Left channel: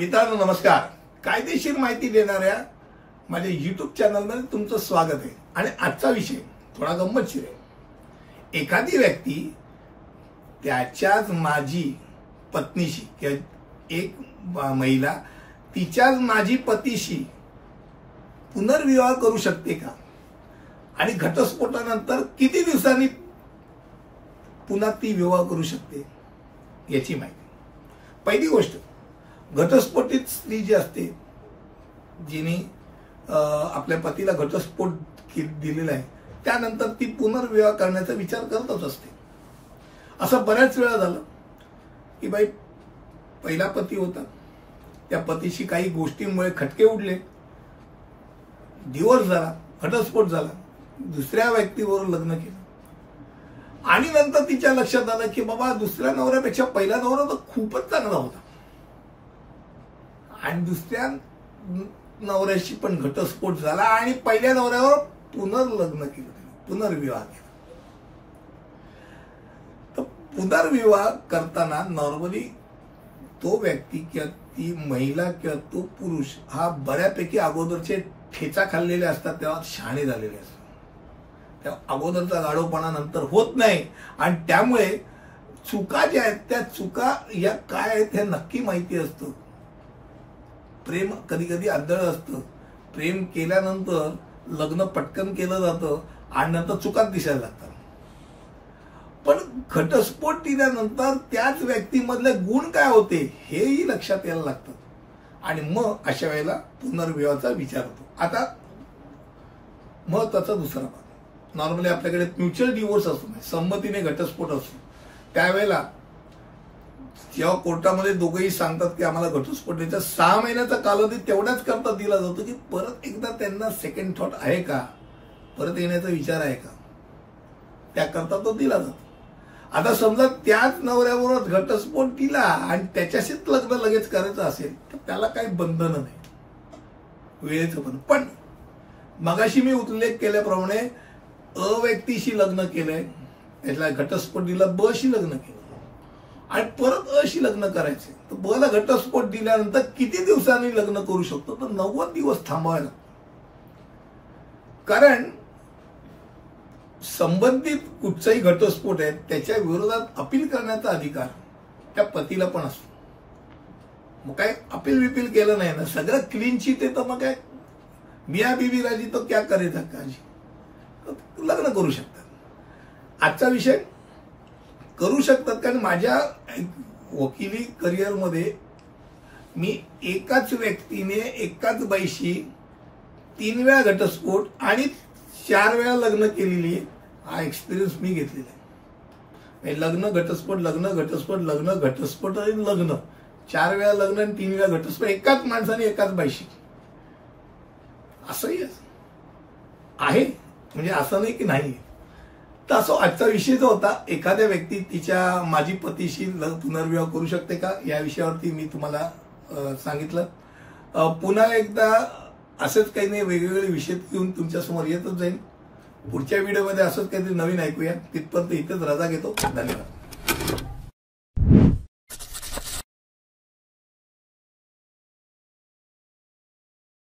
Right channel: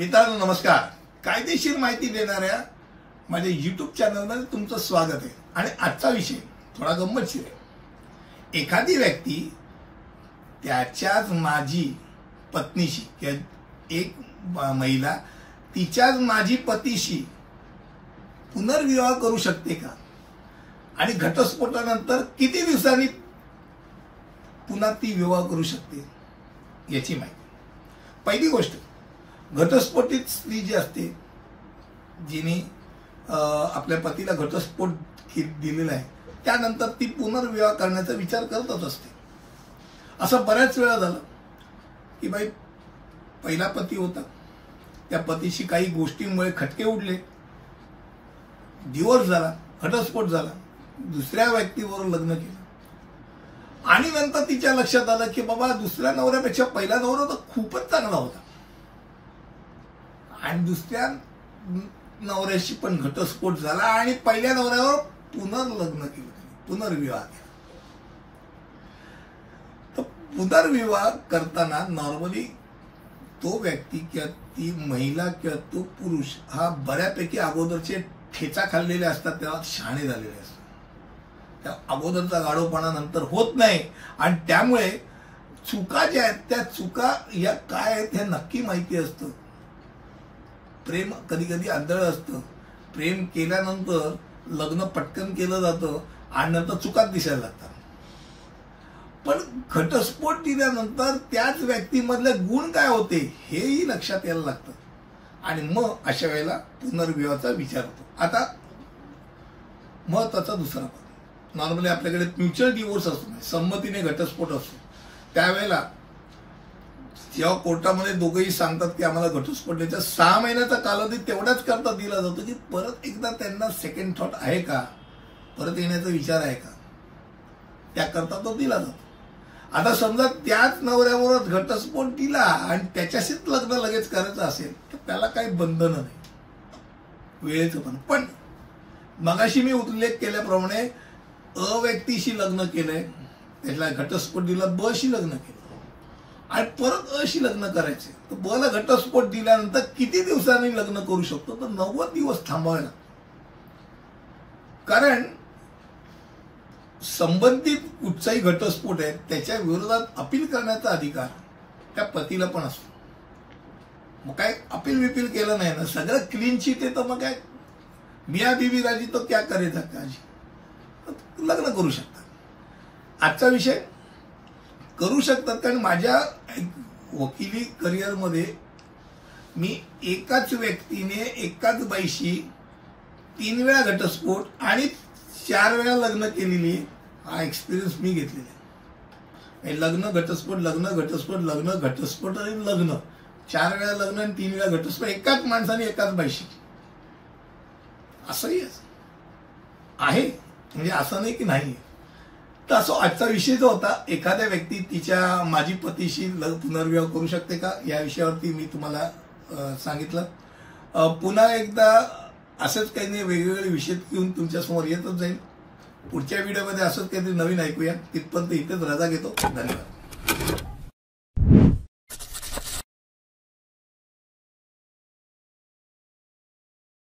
मित्रांनो नमस्कार. कायदेशीर माहिती देणाऱ्या माझ्या YouTube चॅनलमध्ये तुमचं स्वागत आहे. आणि आजचा विषय थोडा गंमतशीर आहे. एखादी व्यक्ती त्याच्याच माजी पत्नीशी किंवा एक महिला तिच्याच माजी पतीशी पुनर्विवाह करू शकते का, आणि घटस्फोटानंतर किती दिवसांनी पुन्हा ती विवाह करू शकते याची माहिती. पहिली गोष्ट, घटस्फोटित स्त्री जी असते, जिने आपल्या पतीला घटस्फोट दिलेला आहे, त्यानंतर ती पुनर्विवाह करण्याचा विचार करतच असते. असं बऱ्याच वेळा झालं की बाई पहिला पती होता, त्या पतीशी काही गोष्टींमुळे खटके उडले, डिवोर्स झाला, घटस्फोट झाला, दुसऱ्या व्यक्तीवर लग्न केलं, आणि नंतर तिच्या लक्षात आलं की बाबा दुसऱ्या नवऱ्यापेक्षा पहिला नवरा तर खूपच चांगला होता, आणि दुसऱ्या नवऱ्याशी पण घटस्फोट झाला आणि पहिल्या नवऱ्यावर पुनर्लग्न केलं, पुनर्विवाह केला. तर पुनर्विवाह करताना नॉर्मली तो व्यक्ती किंवा ती महिला किंवा तो पुरुष हा बऱ्यापैकी अगोदरचे ठेचा खाल्लेले असतात, तेव्हा शहाणे झालेले असतात. त्या अगोदरचा गाढवपणा नंतर होत नाही, आणि त्यामुळे चुका ज्या आहेत त्या चुका या काय आहेत हे नक्की माहिती असतं. प्रेम कधी कधी आंधळ असतं. प्रेम केल्यानंतर लग्न पटकन केलं जातं आणि नंतर चुकाच दिसायला लागतात. पण घटस्फोट दिल्यानंतर त्याच व्यक्तीमधले गुण काय होते हेही लक्षात यायला लागतं, आणि मग अशा वेळेला पुनर्विवाहाचा विचार होतो. आता महत्वाचा दुसरा भाग, नॉर्मली आपल्याकडे म्युच्युअल डिवोर्स असतो, संमतीने घटस्फोट असतो, त्यावेळेला जेव्हा कोर्टामध्ये दोघेही सांगतात की आम्हाला घटस्फोट द्यायचा, 6 महिन्याचा कालावधी तेवढ्याच करता दिला जातो की परत एकदा त्यांना सेकंड थॉट आहे का, परत येण्याचा विचार आहे का, त्याकरता तो दिला जातो. आता समजा त्याच नवऱ्यावरच घटस्फोट दिला आणि त्याच्याशीच लग्न लगेच करायचं असेल तर त्याला काही बंधन नाही, वेळेचं पण मगाशी मी उल्लेख केल्याप्रमाणे अ व्यक्तीशी लग्न केलंय, त्याला घटस्फोट दिला, ब शी लग्न केलं आणि परत अ शी लग्न करायचे, तर ब ला घटस्फोट दिल्यानंतर किती दिवसांनी लग्न करू शकतो, तर 90 दिवस थांबावे लागतात. कारण संबंधित कुठचाही घटस्फोट आहे त्याच्या विरोधात अपील करण्याचा अधिकार त्या पतीला पण असतो. मग काय अपील विपील केलं नाही ना, सगळं क्लीन शीट आहे, तर मग काय मिया बीबी राजी तो क्या करेचा काजी, लग्न करू शकतात. आजचा विषय करू शकतात, कारण माझ्या वकिली करिअरमध्ये मी एकाच व्यक्तीने एकाच बाईशी 3 वेळा घटस्फोट आणि 4 वेळा लग्न केलेली हा एक्सपिरियन्स मी घेतलेला आहे. लग्न घटस्फोट, लग्न घटस्फोट, लग्न घटस्फोट आणि लग्न, 4 वेळा लग्न आणि 3 वेळा घटस्फोट एकाच माणसाने एकाच बाईशी. असंही आहे, म्हणजे असं नाही की नाही. तर असं आजचा विषय जो होता, एखाद्या व्यक्ती तिच्या माजी पतीशी पुनर्विवाह करू शकते का या विषयावरती मी तुम्हाला सांगितलं. पुन्हा एकदा असंच काही नाही, वेगवेगळे विषय घेऊन तुमच्यासमोर येतच जाईल. पुढच्या व्हिडिओमध्ये असंच काहीतरी नवीन ऐकूया. तिथपर्यंत इथेच रजा घेतो. धन्यवाद.